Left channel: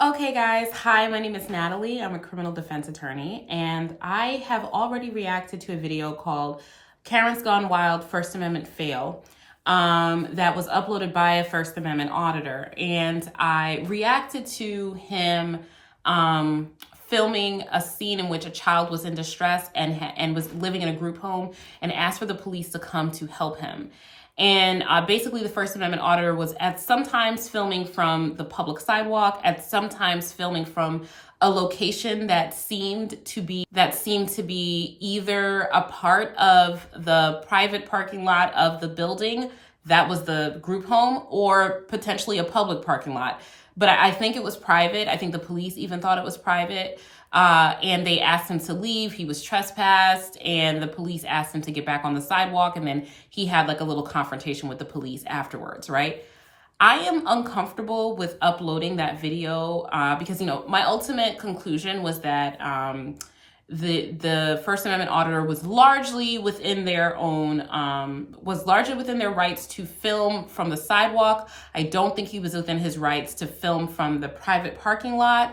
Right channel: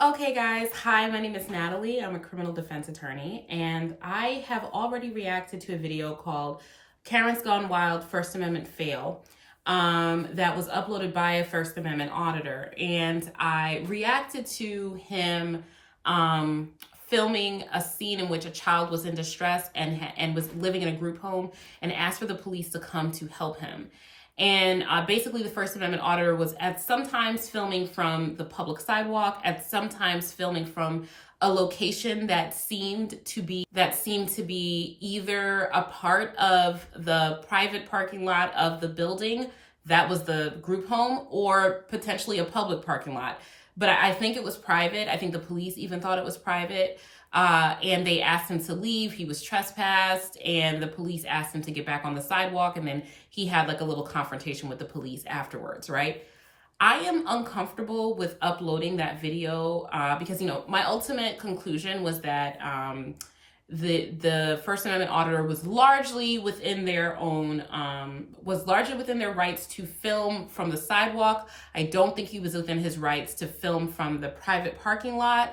Okay, guys. Hi, my name is Natalie. I'm a criminal defense attorney, and I have already reacted to a video called Karen's Gone Wild First Amendment Fail that was uploaded by a First Amendment auditor. And I reacted to him filming a scene in which a child was in distress and was living in a group home and asked for the police to come to help him. And basically, the First Amendment auditor was at sometimes filming from the public sidewalk, at sometimes filming from a location that seemed to be either a part of the private parking lot of the building that was the group home, or potentially a public parking lot. But I think it was private. I think the police even thought it was private. And they asked him to leave. He was trespassed, and the police asked him to get back on the sidewalk. And then he had like a little confrontation with the police afterwards, right? I am uncomfortable with uploading that video because, my ultimate conclusion was that the First Amendment auditor was largely within their rights to film from the sidewalk. I don't think he was within his rights to film from the private parking lot.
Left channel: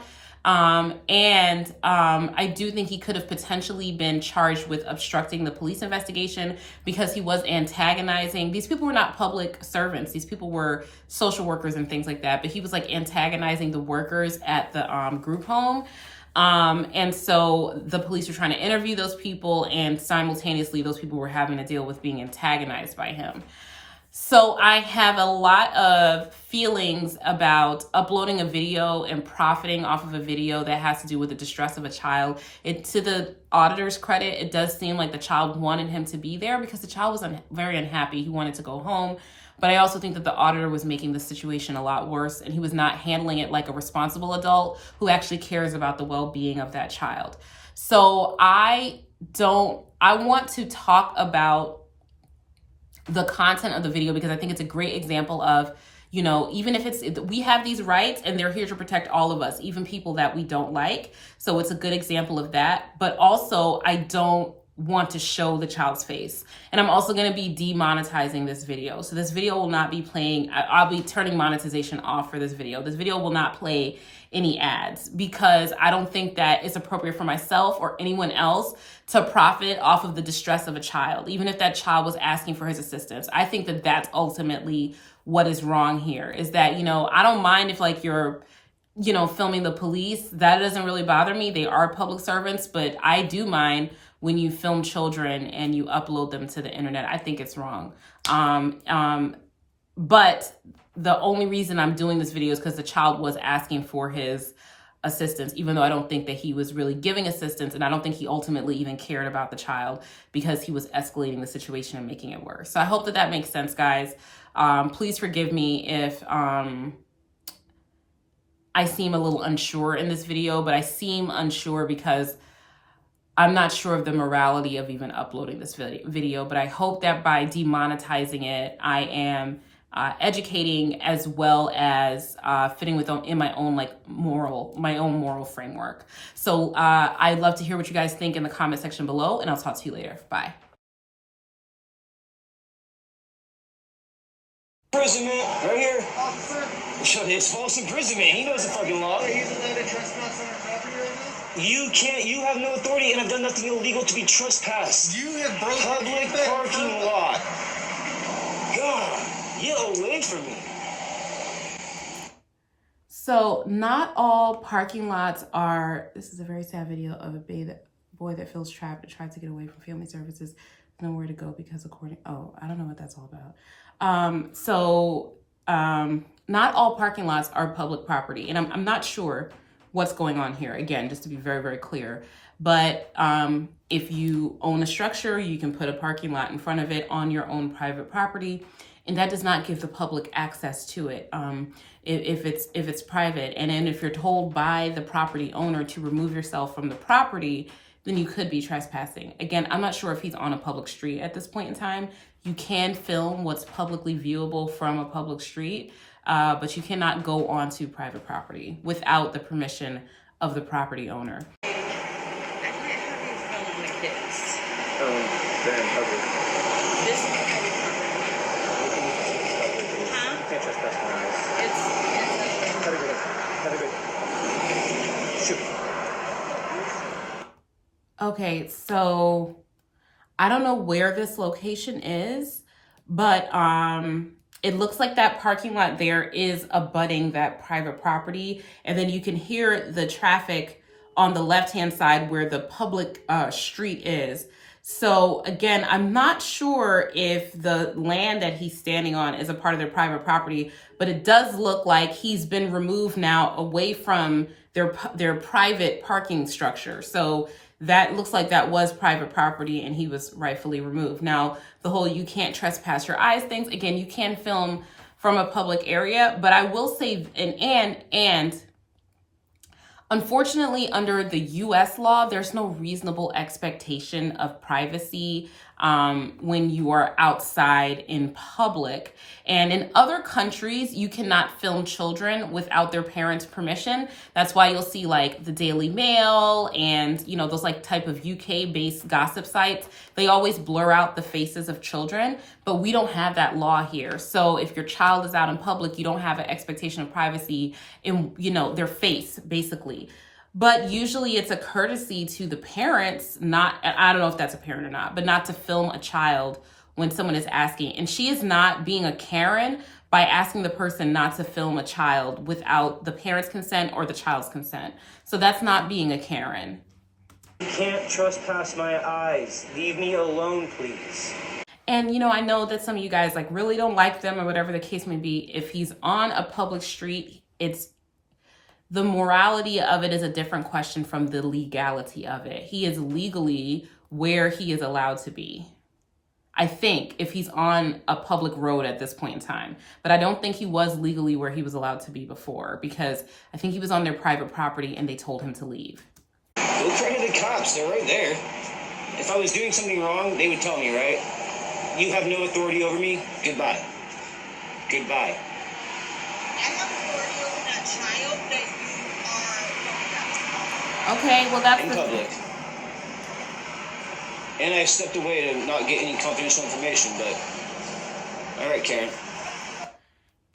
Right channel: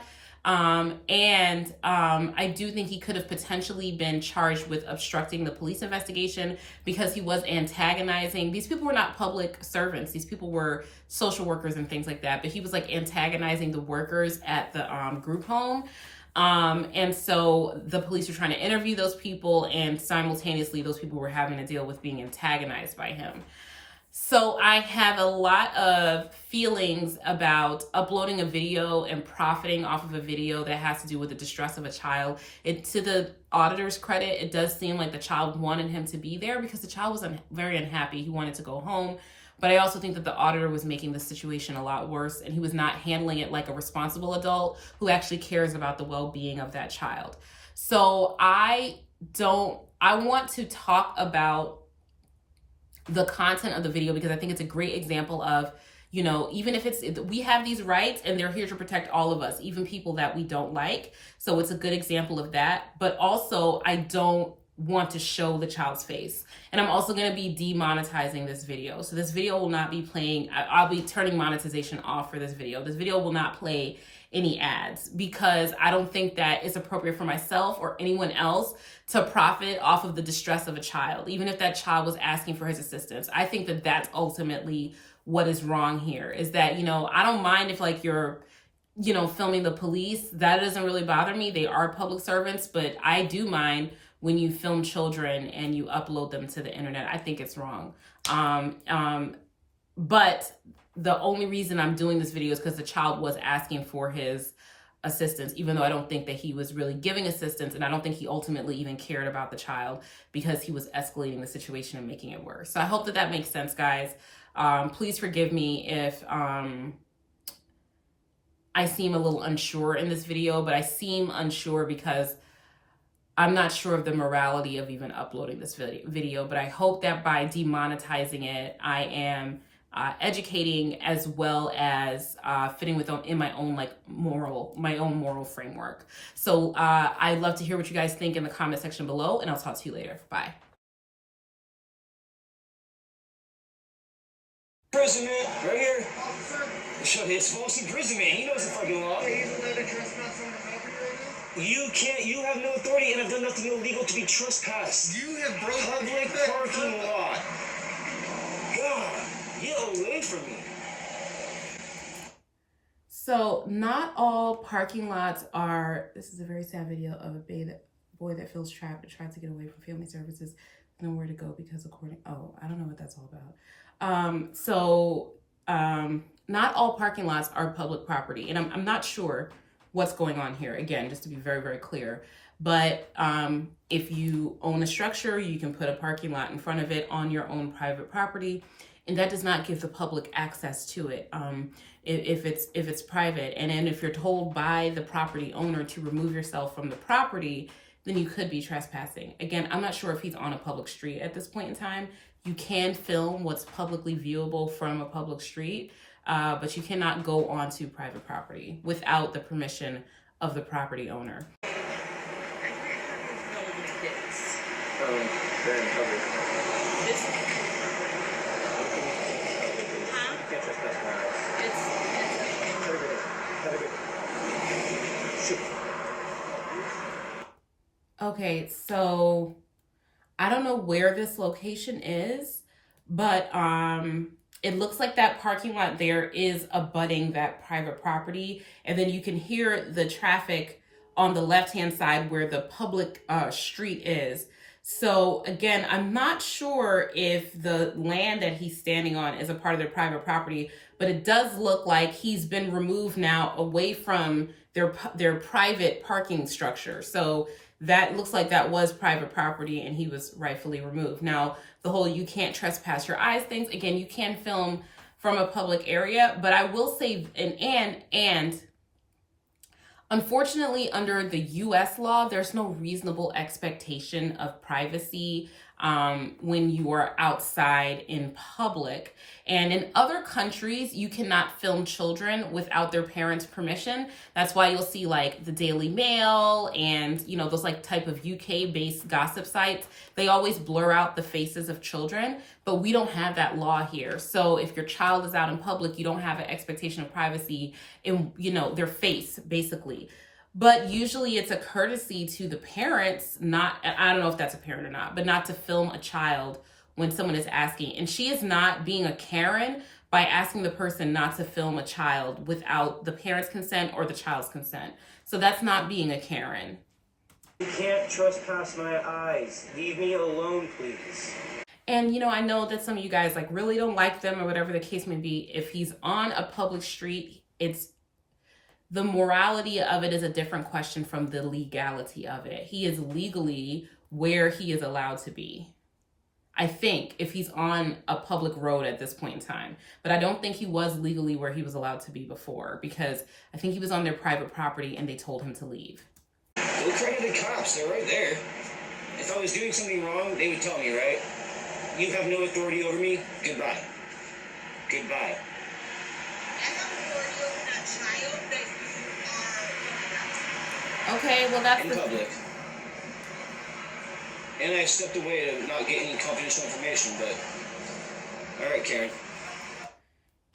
I do think he could have potentially been charged with obstructing the police investigation because he was antagonizing. These people were not public servants. These people were social workers and things like that. But he was like antagonizing the workers at the group home. And so the police were trying to interview those people, and simultaneously those people were having to deal with being antagonized by him. So I have a lot of feelings about uploading a video and profiting off of a video that has to do with the distress of a child. To the auditor's credit, it does seem like the child wanted him to be there because the child was very unhappy. He wanted to go home. But I also think that the auditor was making the situation a lot worse, and he was not handling it like a responsible adult who actually cares about the well-being of that child. So I want to talk about the content of the video because I think it's a great example of, even if we have these rights and they're here to protect all of us, even people that we don't like. So it's a good example of that. But also, I don't want to show the child's face. And I'm also going to be demonetizing this video. So this video will not be playing. I'll be turning monetization off for this video. This video will not play any ads because I don't think that it's appropriate for myself or anyone else to profit off of the distress of a child, even if that child was asking for his assistance. I think that that's ultimately what is wrong here, is that, I don't mind if you're, filming the police. That doesn't really bother me. They are public servants, but I do mind when you film children and you upload them to the internet. I think it's wrong. But the only reason I'm doing this video is because the child was asking for his assistance, even though I don't think that he was really giving assistance, and I don't think he ultimately even cared about the child because he was escalating the situation and making it worse. So I hope that makes sense, guys. Please forgive me if I seem a little unsure in this video, but I seem unsure because I'm not sure of the morality of even uploading this video, but I hope that by demonetizing it, I am educating as well as fitting in my own moral framework. So I'd love to hear what you guys think in the comment section below, and I'll talk to you later. Bye. Imprisonment, right here. Shut his false imprisonment. He knows the fucking law. You can't. You have no authority, and I've done nothing illegal to be trespassed. You have broken public parking lot. God, get away from me. So not all parking lots are. This is a very sad video of a boy that feels trapped and tried to get away from family services. Nowhere to go because I don't know what that's all about. Not all parking lots are public property, and I'm not sure what's going on here. Again, just to be very, very clear. But if you own a structure, you can put a parking lot in front of it on your own private property, and that does not give the public access to it if it's private. And then if you're told by the property owner to remove yourself from the property, then you could be trespassing. Again, I'm not sure if he's on a public street at this point in time. You can film what's publicly viewable from a public street, but you cannot go onto private property without the permission of the property owner. Okay, so I don't know where this location is, but it looks like that parking lot there is abutting that private property, and then you can hear the traffic on the left-hand side where the public street is. So again, I'm not sure if the land that he's standing on is a part of their private property, but it does look like he's been removed now away from their private parking structure. So that looks like that was private property and he was rightfully removed. Now, the whole you can't trespass your eyes things, again, you can film from a public area, but I will say, and unfortunately, under the US law, there's no reasonable expectation of privacy when you are outside in public. And in other countries, you cannot film children without their parents' permission. That's why you'll see like the Daily Mail and, you know, those like type of UK-based gossip sites. They always blur out the faces of children, but we don't have that law here. So if your child is out in public, you don't have an expectation of privacy in, you know, their face, basically. But usually it's a courtesy to the parents, not, I don't know if that's a parent or not, but not to film a child when someone is asking. And she is not being a Karen by asking the person not to film a child without the parent's consent or the child's consent. So that's not being a Karen. You can't trespass my eyes. Leave me alone, please. And, you know, I know that some of you guys like really don't like them or whatever the case may be. If he's on a public street, it's the morality of it is a different question from the legality of it. He is legally where he is allowed to be, I think, if he's on a public road at this point in time. But I don't think he was legally where he was allowed to be before, because I think he was on their private property and they told him to leave. Look for the cops. They're right there. If I was doing something wrong, they would tell me, right? You have no authority over me. Goodbye. Goodbye. Okay, well, that's in public. And I stepped away to not get any confidential information, but all right, Karen.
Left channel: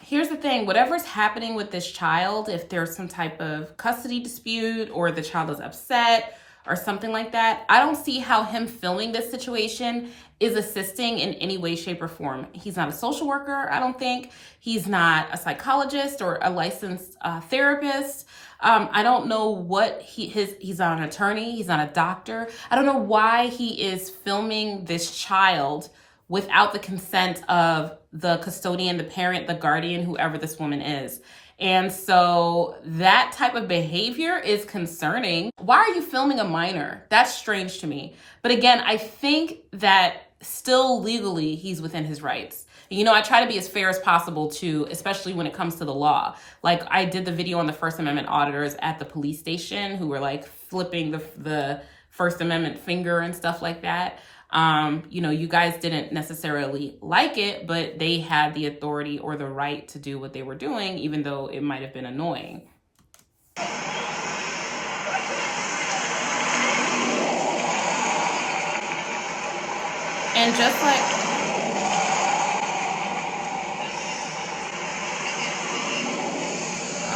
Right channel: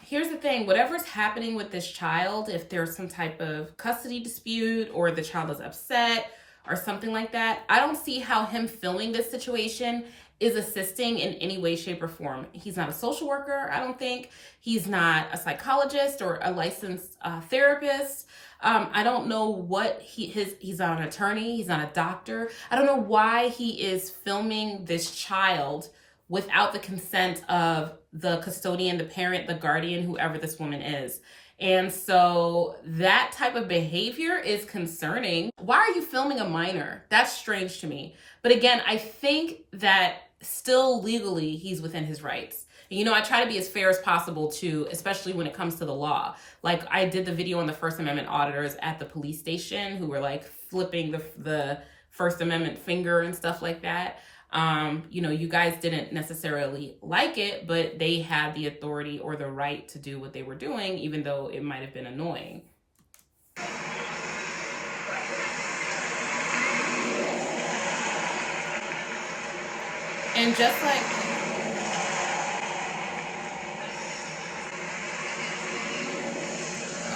Here's the thing, whatever's happening with this child, if there's some type of custody dispute or the child is upset or something like that, I don't see how him filming this situation is assisting in any way, shape, or form. He's not a social worker, I don't think. He's not a psychologist or a licensed therapist. I don't know what he's not an attorney, he's not a doctor. I don't know why he is filming this child without the consent of the custodian, the parent, the guardian, whoever this woman is. And so that type of behavior is concerning. Why are you filming a minor? That's strange to me. But again, I think that still legally he's within his rights. You know, I try to be as fair as possible too, especially when it comes to the law. Like I did the video on the First Amendment auditors at the police station who were like flipping the First Amendment finger and stuff like that. You know, you guys didn't necessarily like it, but they had the authority or the right to do what they were doing, even though it might have been annoying. And just like,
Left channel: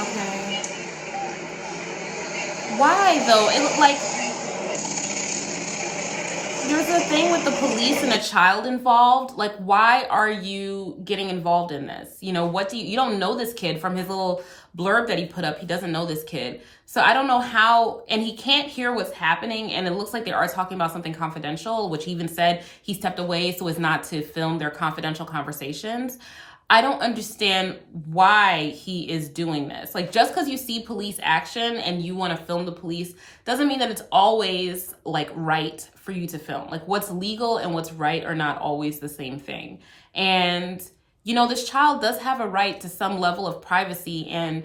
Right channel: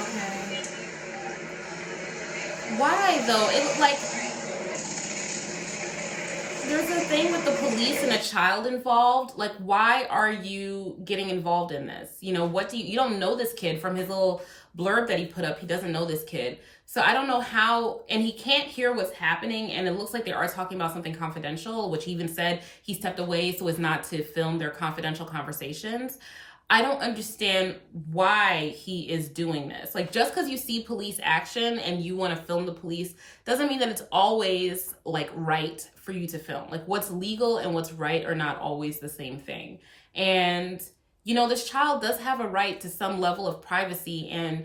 okay, why though? It like, there's a thing with the police and a child involved. Like, why are you getting involved in this? You know, what do you don't know this kid from his little blurb that he put up. He doesn't know this kid. So I don't know how, and he can't hear what's happening. And it looks like they are talking about something confidential, which he even said he stepped away so as not to film their confidential conversations. I don't understand why he is doing this. Like, just because you see police action and you want to film the police doesn't mean that it's always like right for you to film. Like, what's legal and what's right are not always the same thing. And, you know, this child does have a right to some level of privacy. And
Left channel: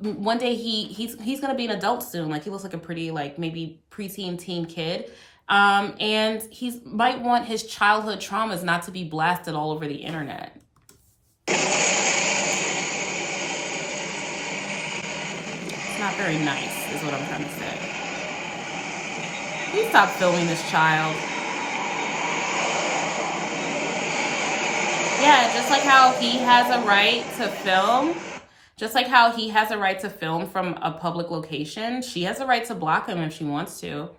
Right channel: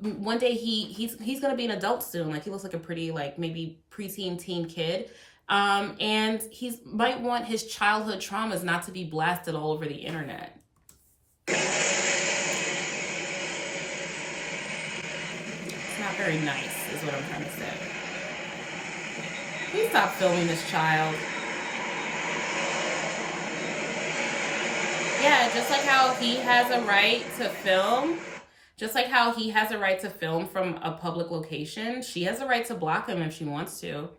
one day he's going to be an adult soon. Like, he looks like a pretty, like, maybe preteen teen kid. And he might want his childhood traumas not to be blasted all over the internet. It's not very nice, is what I'm trying to say. Please stop filming this child. Yeah, just like how he has a right to film, just like how he has a right to film from a public location, she has a right to block him if she wants to.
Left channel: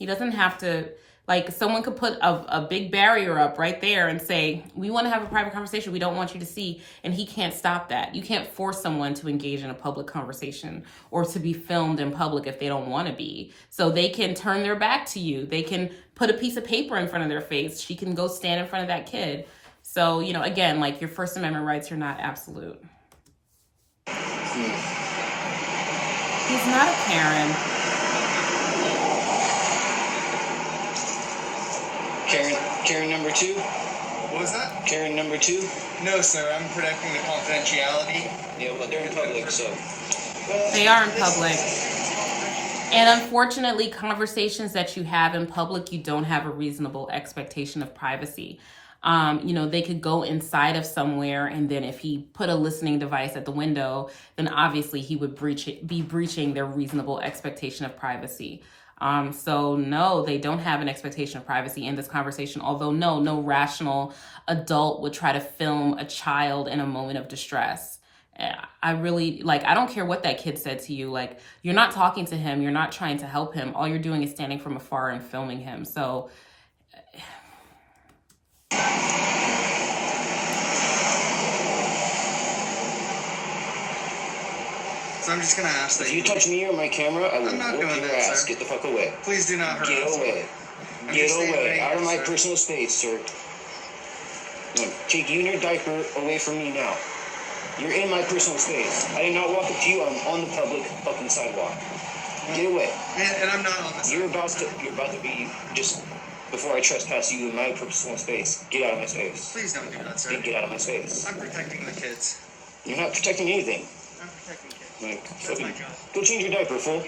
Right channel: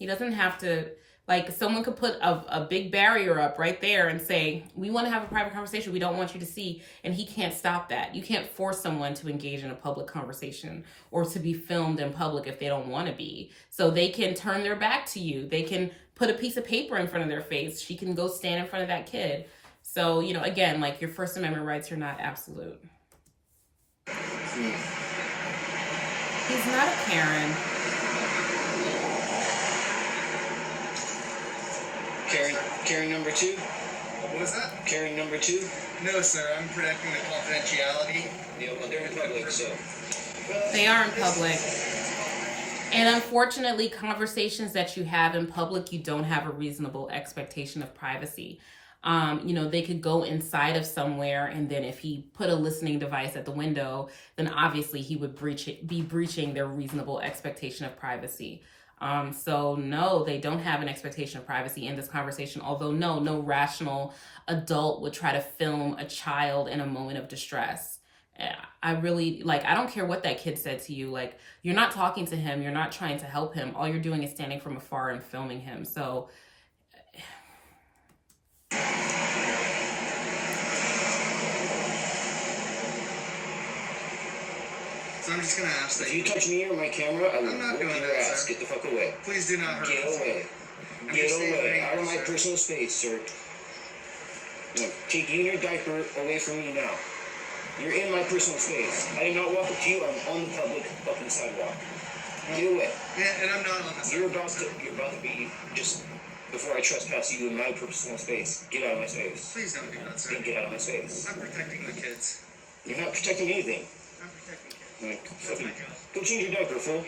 He doesn't have to, like, someone could put a big barrier up right there and say, we want to have a private conversation, we don't want you to see, and he can't stop that. You can't force someone to engage in a public conversation or to be filmed in public if they don't want to be. So they can turn their back to you. They can put a piece of paper in front of their face. She can go stand in front of that kid. So, you know, again, like, your First Amendment rights are not absolute. He's not a Karen. Karen number 2? What was that? Karen number 2? No, sir. I'm protecting the confidentiality. Yeah, well, they're in public, so. They are in public. And unfortunately, conversations that you have in public, you don't have a reasonable expectation of privacy. You know, they could go inside of somewhere, and then if he put a listening device at the window, then obviously he would be breaching their reasonable expectation of privacy. So no, they don't have an expectation of privacy in this conversation, although no rational adult would try to film a child in a moment of distress. I really, like, I don't care what that kid said to you. Like, you're not talking to him. You're not trying to help him. All you're doing is standing from afar and filming him. So So I'm just gonna ask that If you touch me or my camera, I will I'm not whoop gonna your do it, ass. sir. Get the fuck away. Please do not hurt Get us. away. I'm Get just staying away. right Out of here, my sir. personal space, sir. No, take you and your diaper away from me now. You're in my personal space. I did not walk up to you. I'm on the public fucking sidewalk. Get away. And I'm not on this. You're about to be just before I trespass you in my personal space. Get out of my space. Please don't do that, sir. Then get out of my space. I'm protecting the kids. You're not protecting anything. I'm protecting the kids. Like, That's my job. go change your diaper, fool.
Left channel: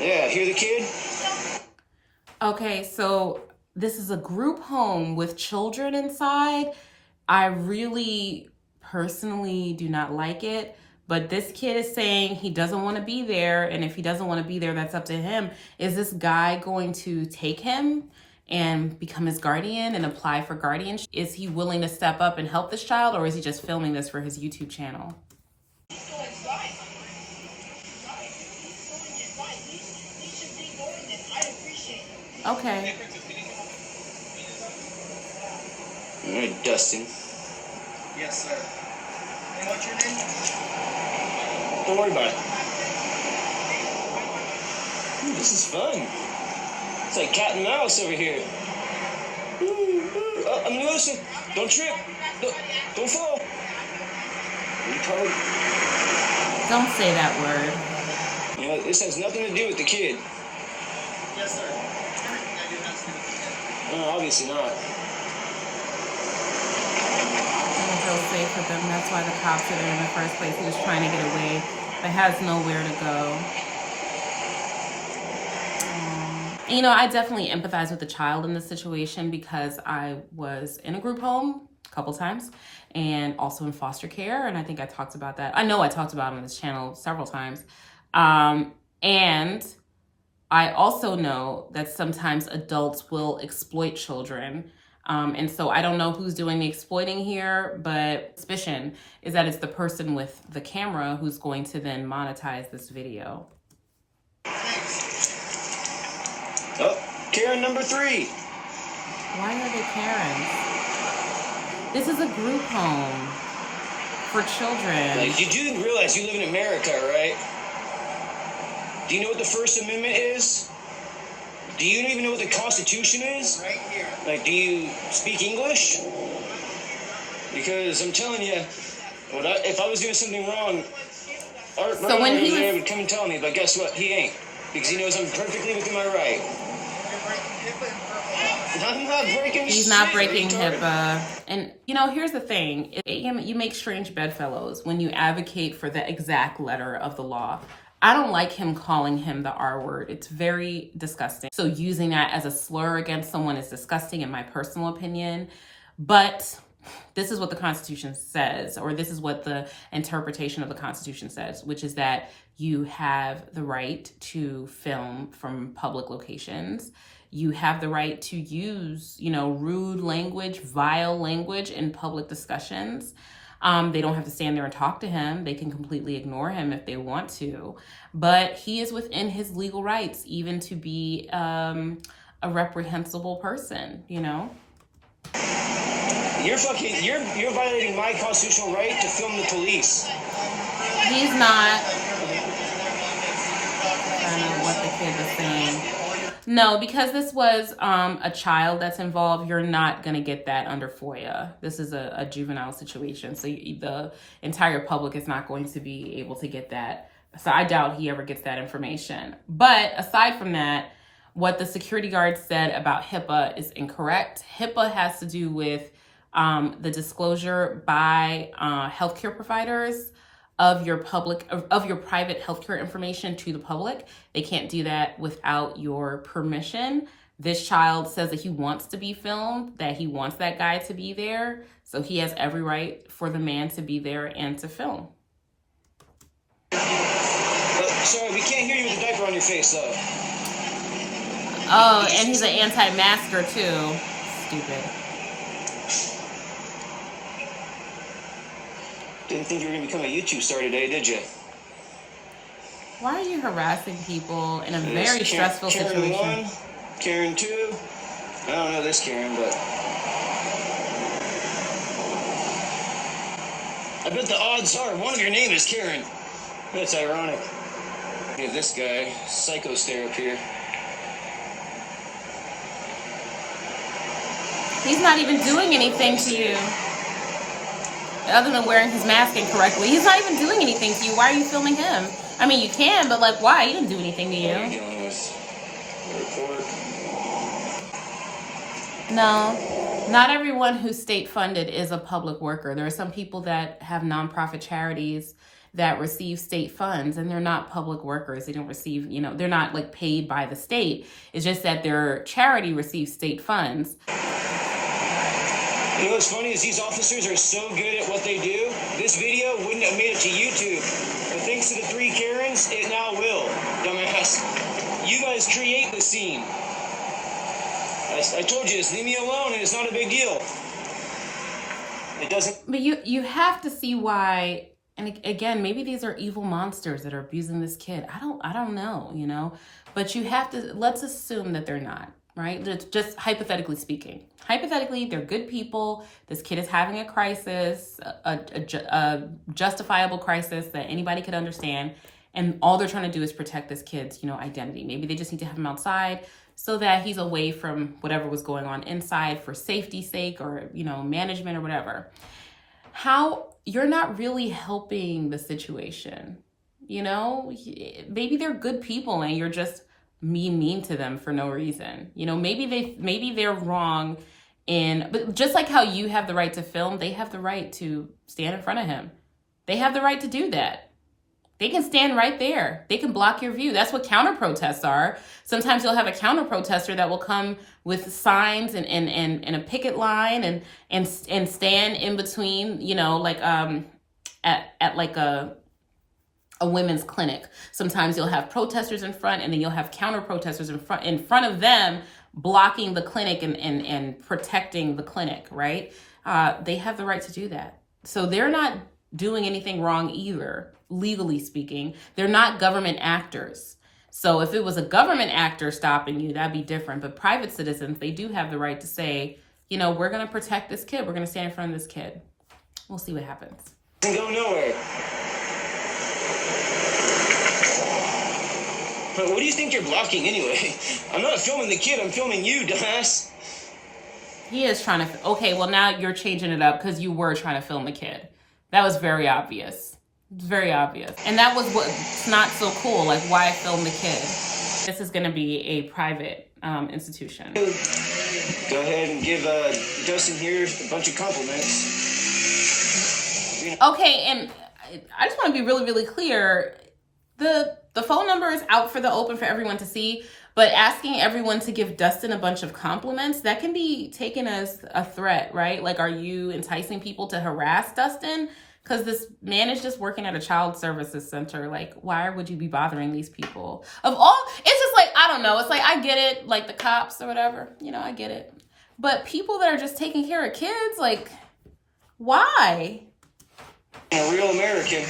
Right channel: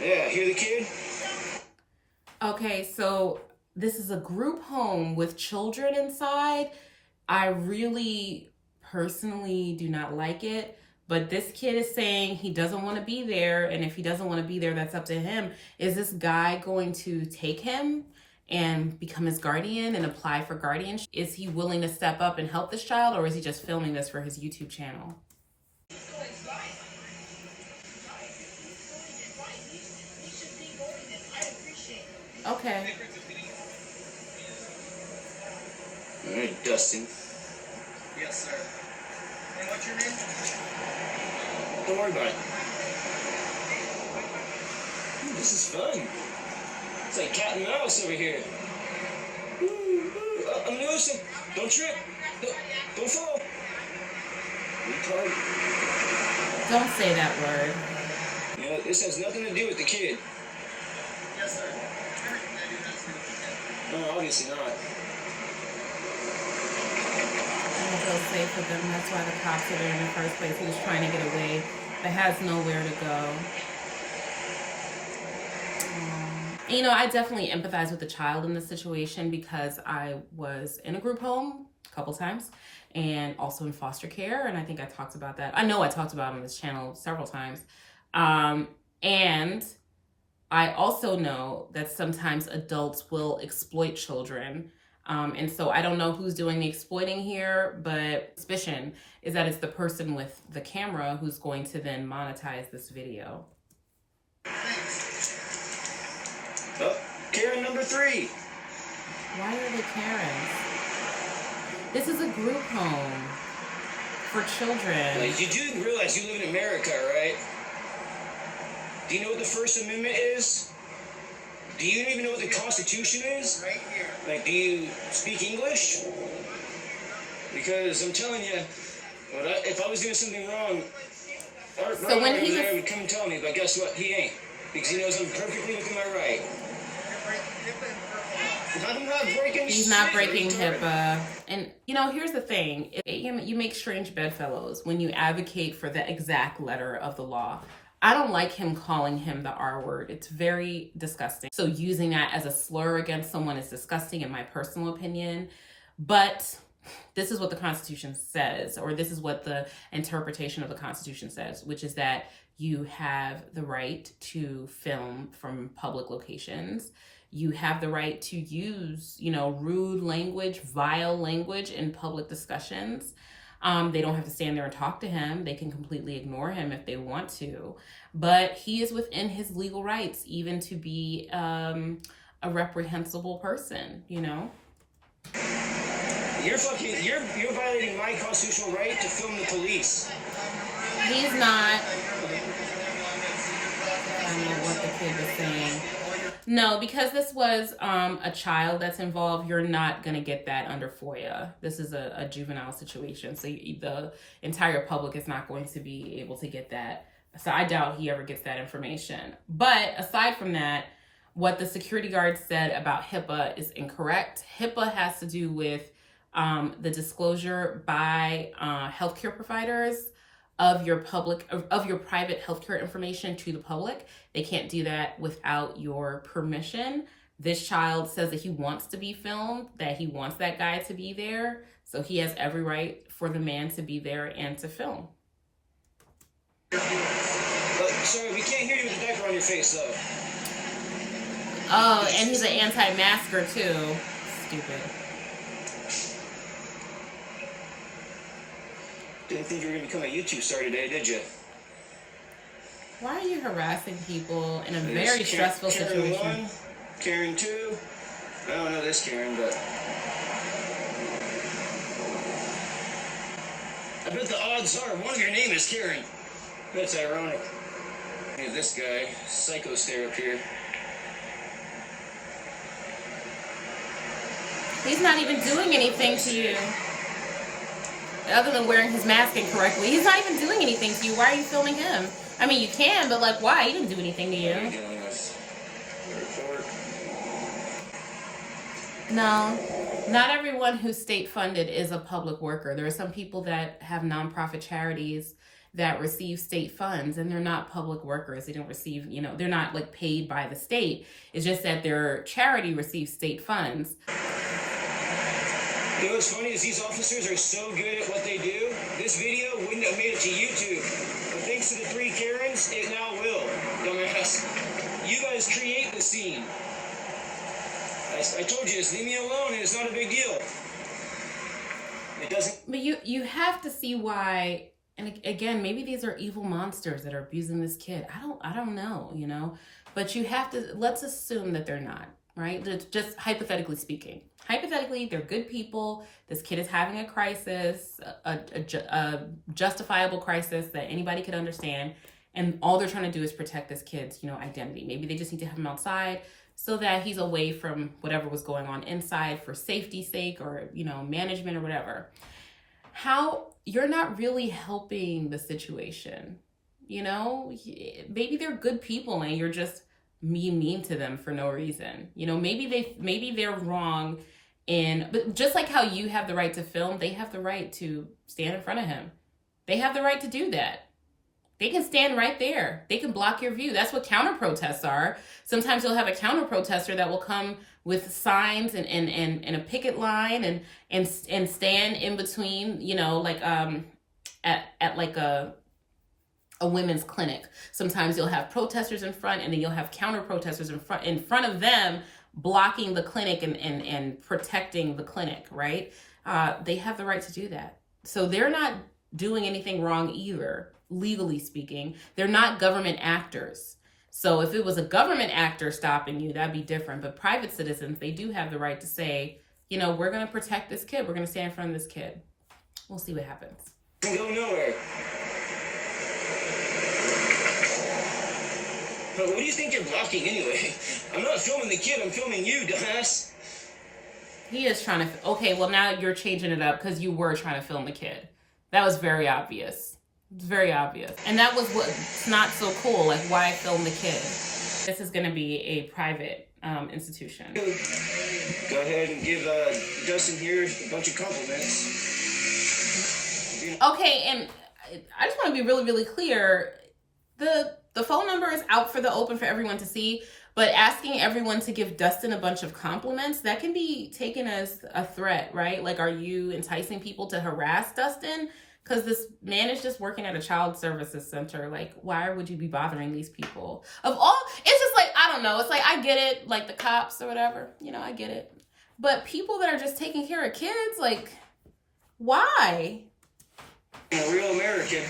Yeah, hear the kid? okay, so this is a group home with children inside. I really personally do not like it, but this kid is saying he doesn't want to be there, and if he doesn't want to be there, that's up to him. Is this guy going to take him and become his guardian and apply for guardianship? Is he willing to step up and help this child, or is he just filming this for his YouTube channel? Okay. All right, Dustin. Yes, sir. And what's your name? Don't worry about it. Ooh, this is fun. It's like cat and mouse over here. Oh, I'm losing. Don't trip. Don't fall. Retard. Don't say that word. You know, this has nothing to do with the kid. Yes, sir. No, obviously not. I don't feel safe with them. That's why the cops are there in the first place. He was trying to get away, but has nowhere to go. You know, I definitely empathize with the child in this situation because I was in a group home a couple times and also in foster care. And I think I talked about that. I know I talked about it on this channel several times. And I also know that sometimes adults will exploit children. And so I don't know who's doing the exploiting here, but suspicion is that it's the person with the camera who's going to then monetize this video. Oh, Karen number 3. Why are they Karens? This is a group home for children. Like, you do realize you live in America, right? Do you know what the First Amendment is? Do you even know what the Constitution is? Right here. Like, do you speak English? Because I'm telling you, if I was doing something wrong, Art So when he there was- would come and tell me, but guess what? He ain't. Because he knows I'm perfectly within my right. I'm not breaking He's shit, not breaking retard. HIPAA. And, you know, here's the thing. You make strange bedfellows when you advocate for the exact letter of the law. I don't like him calling him the R word. It's very disgusting. So using that as a slur against someone is disgusting in my personal opinion. But this is what the Constitution says, or this is what the interpretation of the Constitution says, which is that you have the right to film from public locations. You have the right to use, rude language, vile language in public discussions. They don't have to stand there and talk to him. They can completely ignore him if they want to. But he is within his legal rights, even to be a reprehensible person, you know? You're violating my constitutional right to film the police. He's not. I don't know what the kid was saying. No, because this was a child that's involved, you're not going to get that under FOIA. This is a juvenile situation. So the entire public is not going to be able to get that. So I doubt he ever gets that information. But aside from that, what the security guard said about HIPAA is incorrect. HIPAA has to do with the disclosure by healthcare providers of your private healthcare information to the public. They can't do that without your permission. This child says that he wants to be filmed, that he wants that guy to be there. So he has every right for the man to be there and to film. Sorry, we can't hear you with a diaper on your face, though. Oh, and he's an anti-masker too. Stupid. Didn't think you were going to become a YouTube star today, did you? Why are you harassing people in a This very stressful Karen situation? 1, Karen 2. I don't know this Karen, but I bet the odds are one of your name is Karen. That's ironic. Hey, this guy, psycho stare up here. He's not even doing anything to you. Other than wearing his mask incorrectly. He's not even doing anything to you. Why are you filming him? I mean, you can, but like, why? He didn't do anything to What are you you. doing with the report? No, not everyone who's state funded is a public worker. There are some people that have nonprofit charities that receive state funds and they're not public workers. They don't receive, they're not like paid by the state. It's just that their charity receives state funds. You know what's funny is these officers are so good at what they do, this video wouldn't have made it to YouTube. And thanks to the 3 Karens, it now will. Dumbass. You guys create the scene. I told you, just leave me alone and it's not a big deal. It doesn't... But you have to see why, and again, maybe these are evil monsters that are abusing this kid. I don't know, but you have to, let's assume that they're not, right? Just hypothetically speaking. Hypothetically, they're good people. This kid is having a crisis, a justifiable crisis that anybody could understand. And all they're trying to do is protect this kid's, identity. Maybe they just need to have him outside so that he's away from whatever was going on inside for safety's sake or, management or whatever. You're not really helping the situation. Maybe they're good people and you're just mean to them for no reason. Maybe they're wrong but just like how you have the right to film, they have the right to stand in front of him. They have the right to do that. They can stand right there. They can block your view. That's what counter protests are. Sometimes you'll have a counter protester that will come with signs and a picket line and stand in between, at like a women's clinic. Sometimes you'll have protesters in front and then you'll have counter protesters in front of them blocking the clinic and protecting the clinic, right? They have the right to do that. So they're not doing anything wrong either, legally speaking. They're not government actors. So if it was a government actor stopping you, that'd be different. But private citizens, they do have the right to say, we're going to protect this kid. We're going to stand in front of this kid. We'll see what happens. Go nowhere. But what do you think you're blocking anyway? I'm not filming the kid, I'm filming you, dumbass. He is trying to, okay, well now you're changing it up because you were trying to film the kid. That was very obvious. Very obvious. And that was what's not so cool, like why film the kid? This is gonna be a private institution. Go ahead and give Dustin here a bunch of compliments. Okay, and I just want to be really, really clear. The phone number is out for the open for everyone to see, but asking everyone to give Dustin a bunch of compliments, that can be taken as a threat, right? Like, are you enticing people to harass Dustin? Because this man is just working at a child services center. Like, why would you be bothering these people? It's just like, I don't know. It's like, I get it, like the cops or whatever, I get it. But people that are just taking care of kids, like, why? I'm a real American.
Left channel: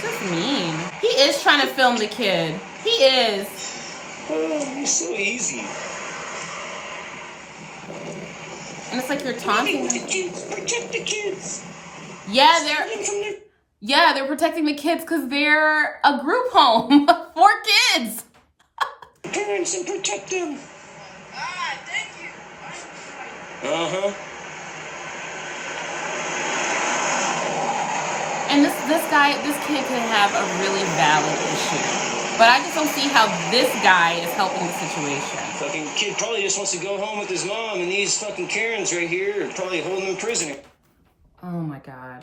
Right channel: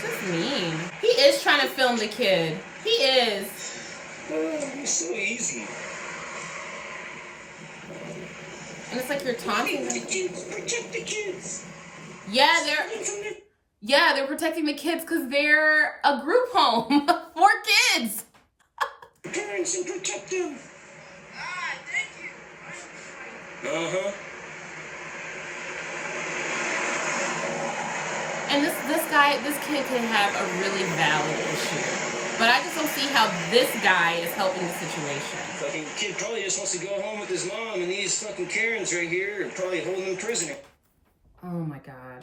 That's mean. He is trying to film the kid. He is. Oh, it's so easy. And it's like you're taunting them. Protect the kids. Yeah, they're protecting the kids because they're a group home for kids. Parents and protect them. Ah, thank you. Uh-huh. And this kid can have a really valid issue. But I just don't see how this guy is helping the situation. Fucking kid probably just wants to go home with his mom, and these fucking Karens right here are probably holding him prisoner. Oh my God.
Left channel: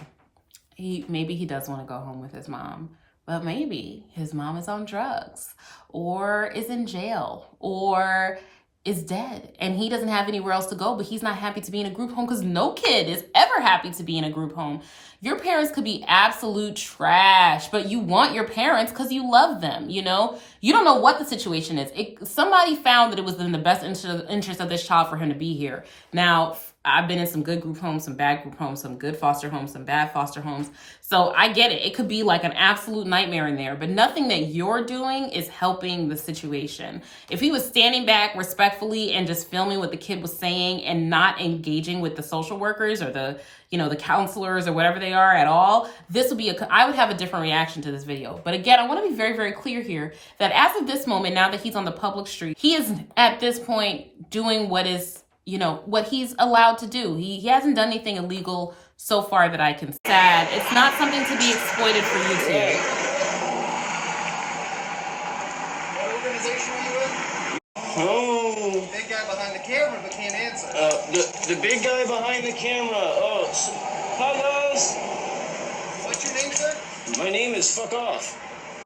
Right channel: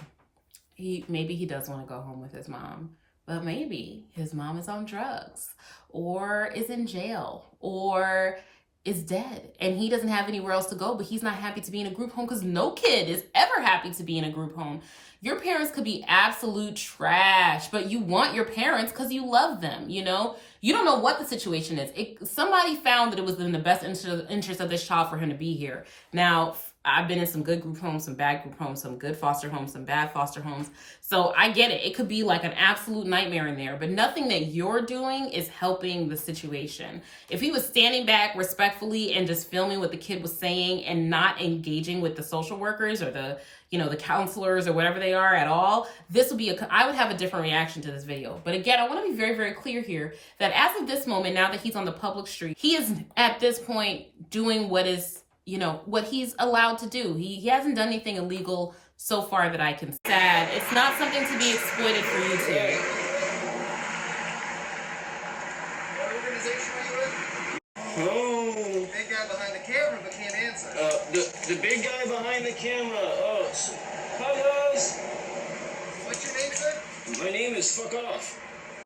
Maybe he does want to go home with his mom, but maybe his mom is on drugs or is in jail or is dead and he doesn't have anywhere else to go, but he's not happy to be in a group home because no kid is ever happy to be in a group home. Your parents could be absolute trash, but you want your parents because you love them, you know? You don't know what the situation is. Somebody found that it was in the best interest of this child for him to be here. Now, I've been in some good group homes, some bad group homes, some good foster homes, some bad foster homes. So I get it. It could be like an absolute nightmare in there, but nothing that you're doing is helping the situation. If he was standing back respectfully and just filming what the kid was saying and not engaging with the social workers or the counselors or whatever they are at all, I would have a different reaction to this video. But again, I want to be very, very clear here that as of this moment, now that he's on the public street, he is at this point doing what he's allowed to do. He hasn't done anything illegal so far that I can say. Sad. It's not something to be exploited for YouTube. What organization are you with? Oh. The big guy behind the camera but can't answer. The big guy behind the camera. Oh, hi guys. What's your name, sir? My name is Fuck Off.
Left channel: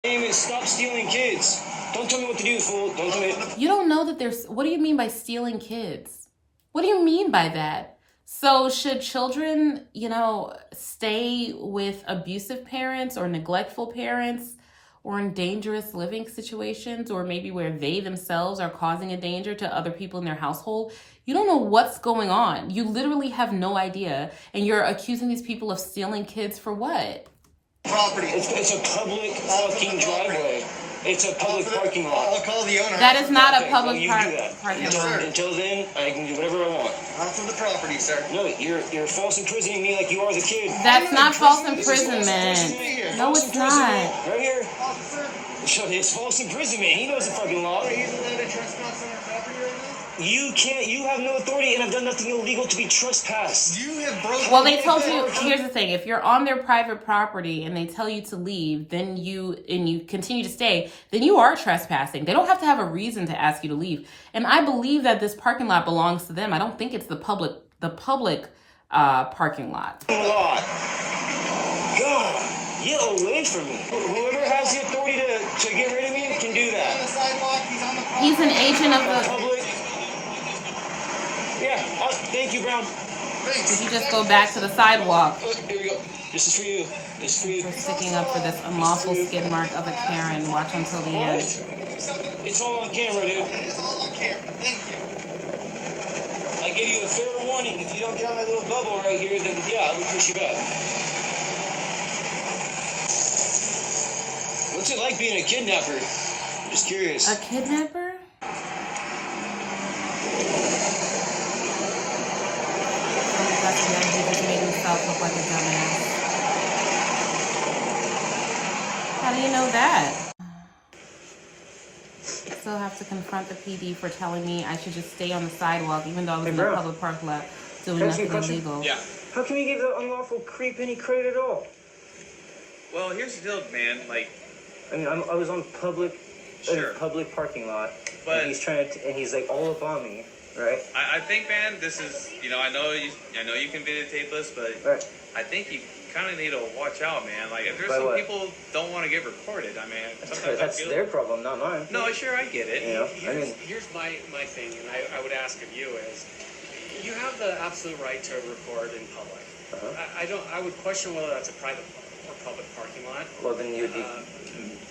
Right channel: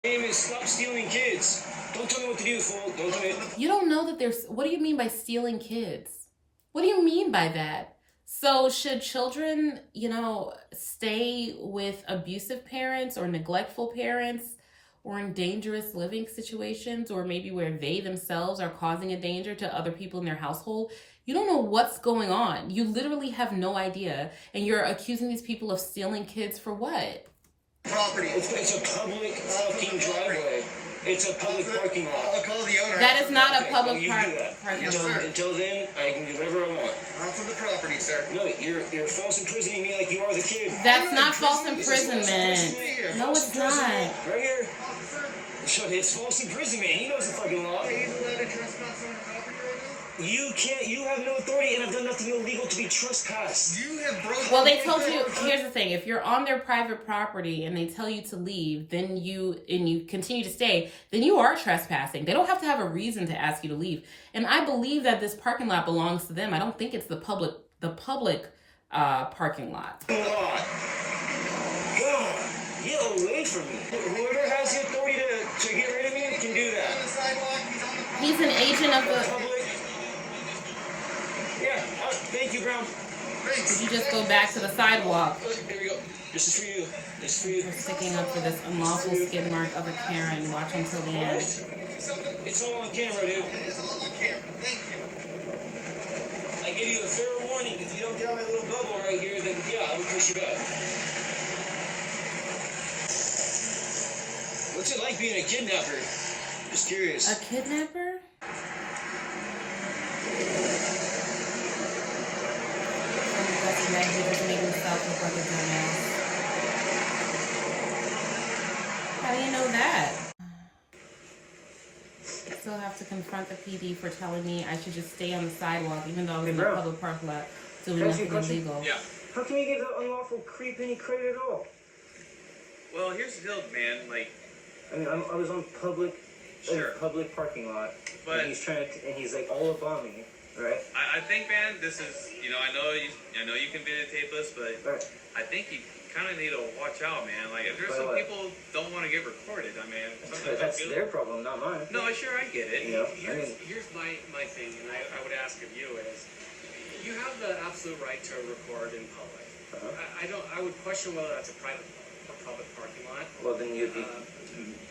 My name is Stop Stealing Kids. Don't tell me what to do, fool. Don't tell me. You don't know that what do you mean by stealing kids? What do you mean by that? So should children, stay with abusive parents or neglectful parents or in dangerous living situations or maybe where they themselves are causing a danger to other people in their household? You don't know what's going on. You literally have no idea. And you're accusing these people of stealing kids for what? Property. It's a public fucking driveway. It's a public parking lot. I'll call the owner. That is not a Okay, public well, you do that. parking Until, lot. until then, I can do whatever I want. I'm from the property, sir. No, you're false imprisoning me like you are the kid. That's not false This is false imprisonment. imprisonment. No, False it's not. imprisonment. Right here. Officer, It's false imprisonment. He knows the fucking law. are you allowed to trespass on our property right now? You can't. You have no authority, and I've done nothing illegal to be trespassed. You have broken. Well, they told you, here's the thing, if you're on their private property and they tell you to leave, then you continue to stay, then you are trespassing. They don't have to have a reason to ask you to leave. And I believe that this parking lot belongs to them. I don't think it's the public parking lot. Law. God, get away from me. Whoever has the authority to get rid of me can do On the that. sidewalk, he's on the property. He's an agent of the... Public. Yeah. Thank you, Brown. Did you just go back to the sidewalk Here we go. This is for you. This is for you. for sticking up for this unlawful skid mark of a Karen? Watch until the end. It's all on camera, dude. It's all on camera. Thank you. I gave you a fair warning. If you don't get on my little bubble right here, then yeah, I will push you back. What's it like being a kidnapper? Just curious. A kidnapper? Yeah, he just made himself look like a dumbass. How do you know that? I still have to confront the PD for telling me I should just stay on the sidewalk even though I was in the public parking lot doing nothing illegal. Yeah. How can you give that unlawful creep any credit at all? Well, here's the deal, man. Like, I mean, I was on public, Sure. public parking lot, But- and he's trying to, and he's like all up on me, right? I think, man, this is, I know you can videotape us, but Right. I think you kind of need to watch out, man. Like, if there's By some what? people don't want to get recorded, I mean, sometimes I That's feel. their problem, not mine. No, sure, I get it. You know, I mean, Here's my thing, and I would ask of you is, you have the absolute right to record in public. I would question whether that's a private or public parking lot. well then you'd be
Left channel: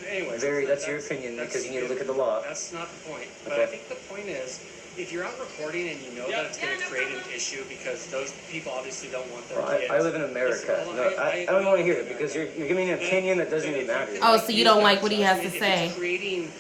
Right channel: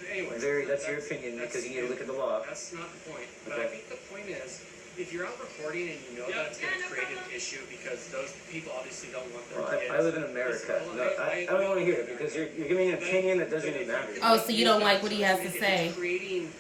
Anyways, that's your opinion because you need to look at the law. That's not the point. But Okay. I think the point is, if you're out recording and you know that it's going to create an issue because those people obviously don't want their kids. I live in America. I don't want to hear that because you're giving me an opinion that doesn't even matter. Oh, so you don't like what he has to say? It's creating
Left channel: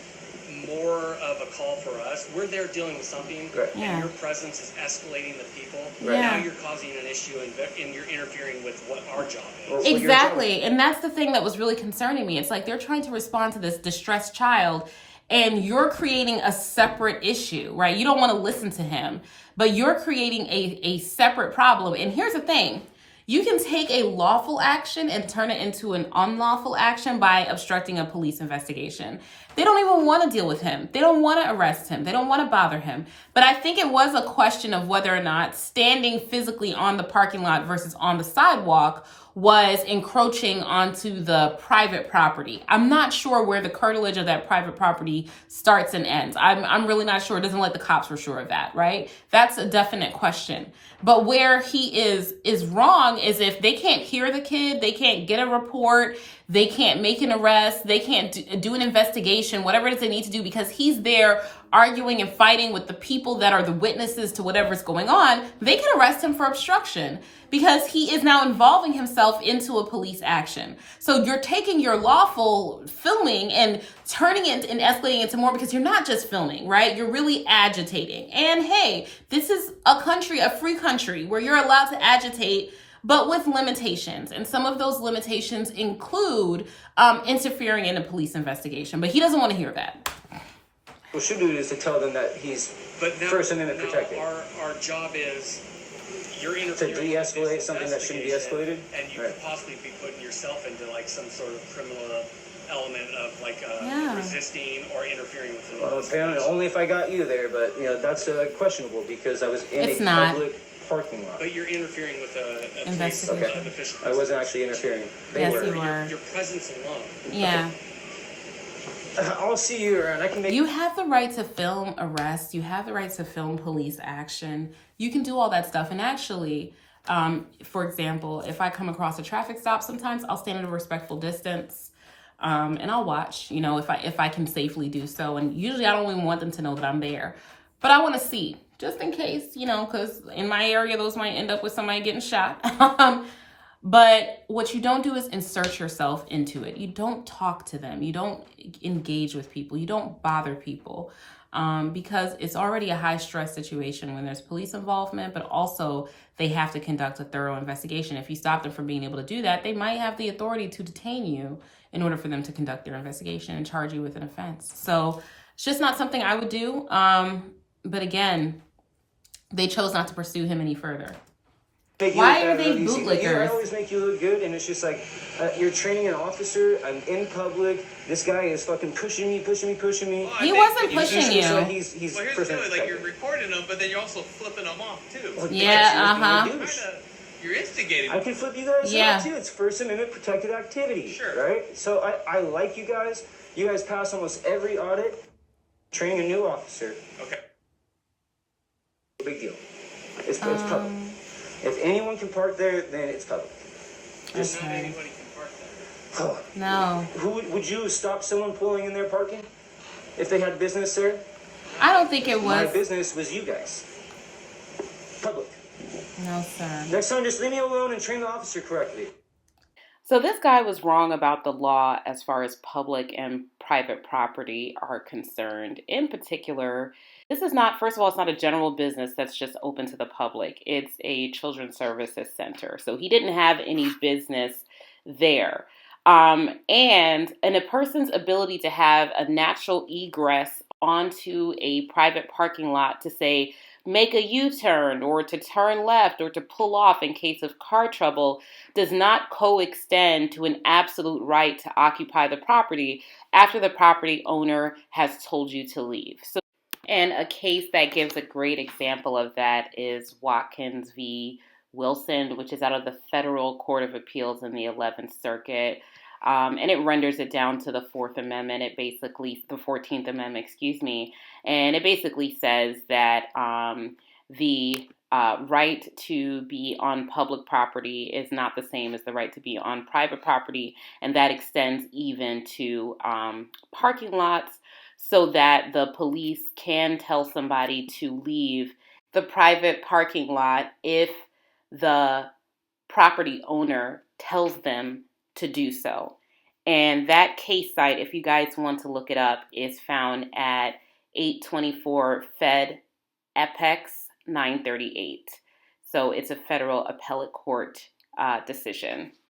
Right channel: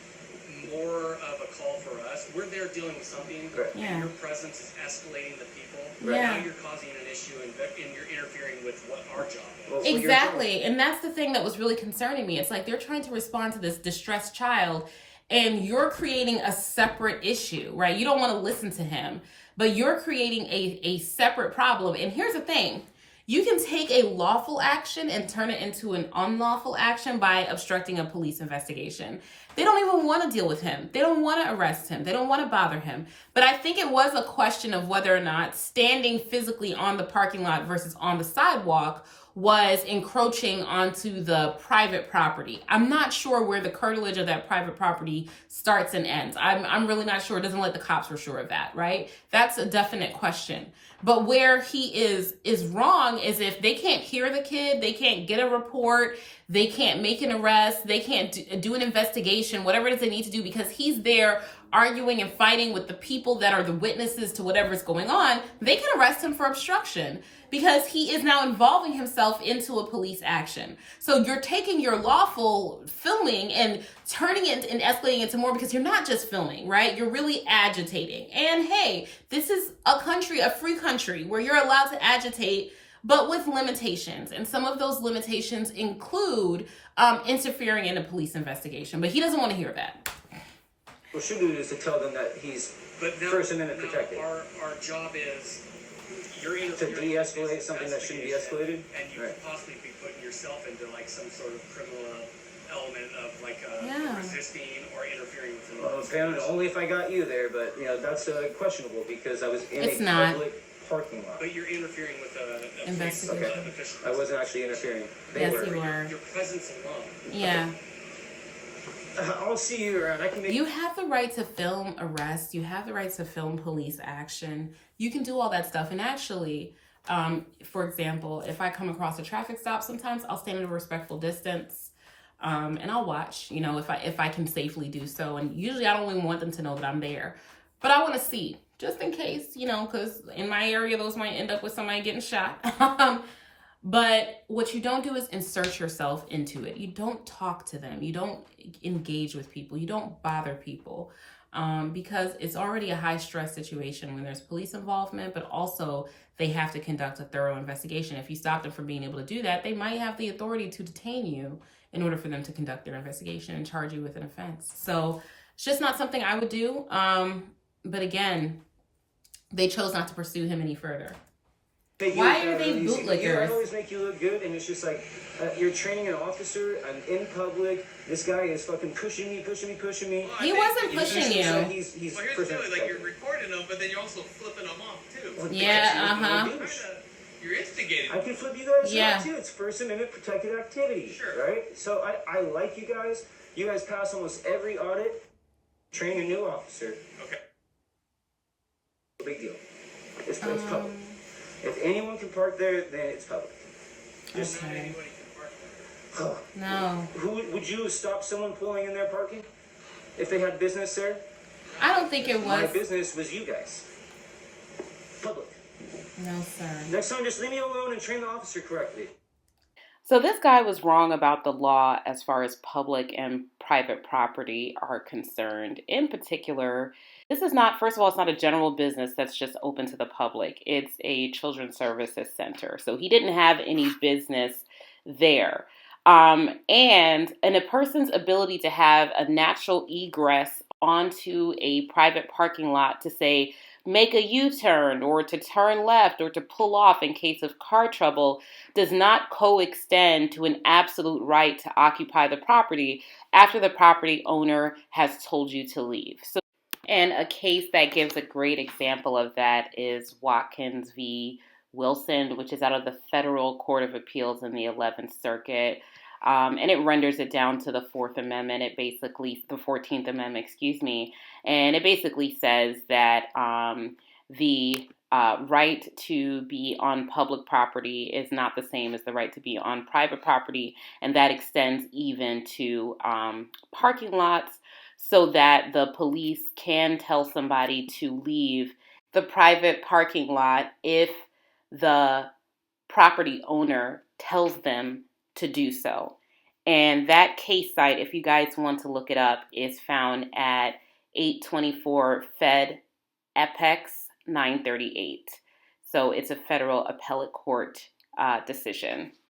more of a call for us. We're there dealing with something, Yeah. and your presence is escalating the people. Yeah. Now you're causing an issue, and you're interfering with what our job is. Well, Exactly. And that's the thing that was really concerning me. It's like they're trying to respond to this distressed child and you're creating a separate issue, right? You don't want to listen to him, but you're creating a separate problem. And here's the thing. You can take a lawful action and turn it into an unlawful action by obstructing a police investigation. They don't even want to deal with him. They don't want to arrest him. They don't want to bother him. But I think it was a question of whether or not standing physically on the parking lot versus on the sidewalk was encroaching onto the private property. I'm not sure where the curtilage of that private property starts and ends. I'm really not sure. It doesn't like the cops were sure of that, right? That's a definite question. But where he is wrong is if they can't hear the kid, they can't get a report, they can't make an arrest, they can't do an investigation, whatever it is they need to do, because he's there arguing and fighting with the people that are the witnesses to whatever's going on, they can arrest him for obstruction because he is now involving himself into a police action. So you're taking your lawful filming and turning it and escalating it to more, because you're not just filming, right? You're really agitating. And hey, this is a country, a free country, where you're allowed to agitate, but with limitations. And some of those limitations include interfering in a police investigation. But he doesn't want to hear that. What should do is to tell them that he's First Amendment protected. Our job is you're To de-escalate something that shouldn't be escalated? and you could possibly be putting yourself into like some sort of criminal element of like resisting or interfering with the Well, apparently only if I got you there, but that's questionable because I was in It's a not. public parking lot. But you're interfering with a Investigation. police official. I wasn't actually interfering. They Yes, were. you were. Your presence alone. Yeah. I'll see you around. I can make. You have the right to film arrests. You have the right to film police action. You can do all that stuff. And actually, for example, if I come across a traffic stop, sometimes I'll stand at a respectful distance and I'll watch, if I can safely do so. And usually I don't even want them to know that I'm there. But I want to see, just in case, because in my area, those might end up with somebody getting shot. But what you don't do is insert yourself into it. You don't talk to them. You don't engage with people. You don't bother people because it's already a high stress situation when there's police involvement, but also they have to conduct a thorough investigation. If you stop them from being able to do that, they might have the authority to detain you in order for them to conduct their investigation and charge you with an offense. So it's just not something I would do. But again, they chose not to pursue him any further. Why are they bootlickers? I always make you look good, and it's just like you're training an officer. I'm in public. This guy is fucking pushing me. He wasn't pushing you. He's Well, here's the deal, like you're recording them, but then you're also flipping them off too. Well, Yeah, You're instigating. I can flip you guys Yeah. off too. It's First Amendment protected activity. Sure. Right? So I like you guys. You guys pass almost every audit. Train a new officer. Okay. Big deal. It's public. If anyone can park there, then it's public. Not Okay. anybody can park there. No. Who would you stop someone pulling in their parking if they had business there? I don't think it My was. business was you guys. Public. No, sir. Next time, just leave me alone and train the officer correctly. So this guy was wrong about the law as far as public and private property are concerned. In particular, this is not, first of all, it's not a general business that's just open to the public. It's a children's services center. So he didn't have any business there. And a person's ability to have a natural egress onto a private parking lot to say, make a U-turn or to turn left or to pull off in case of car trouble does not coextend to an absolute right to occupy the property after the property owner has told you to leave. So, and a case that gives a great example of that is Watkins v. Wilson, which is out of the Federal Court of Appeals in the 11th Circuit. And it renders it down to the Fourth Amendment. The 14th Amendment, and it basically says that the right to be on public property is not the same as the right to be on private property, and that extends even to parking lots, so that the police can tell somebody to leave the private parking lot if the property owner tells them to do so. And that case site, if you guys want to look it up, is found at 824 Fed Apex 938. So it's a federal appellate court decision.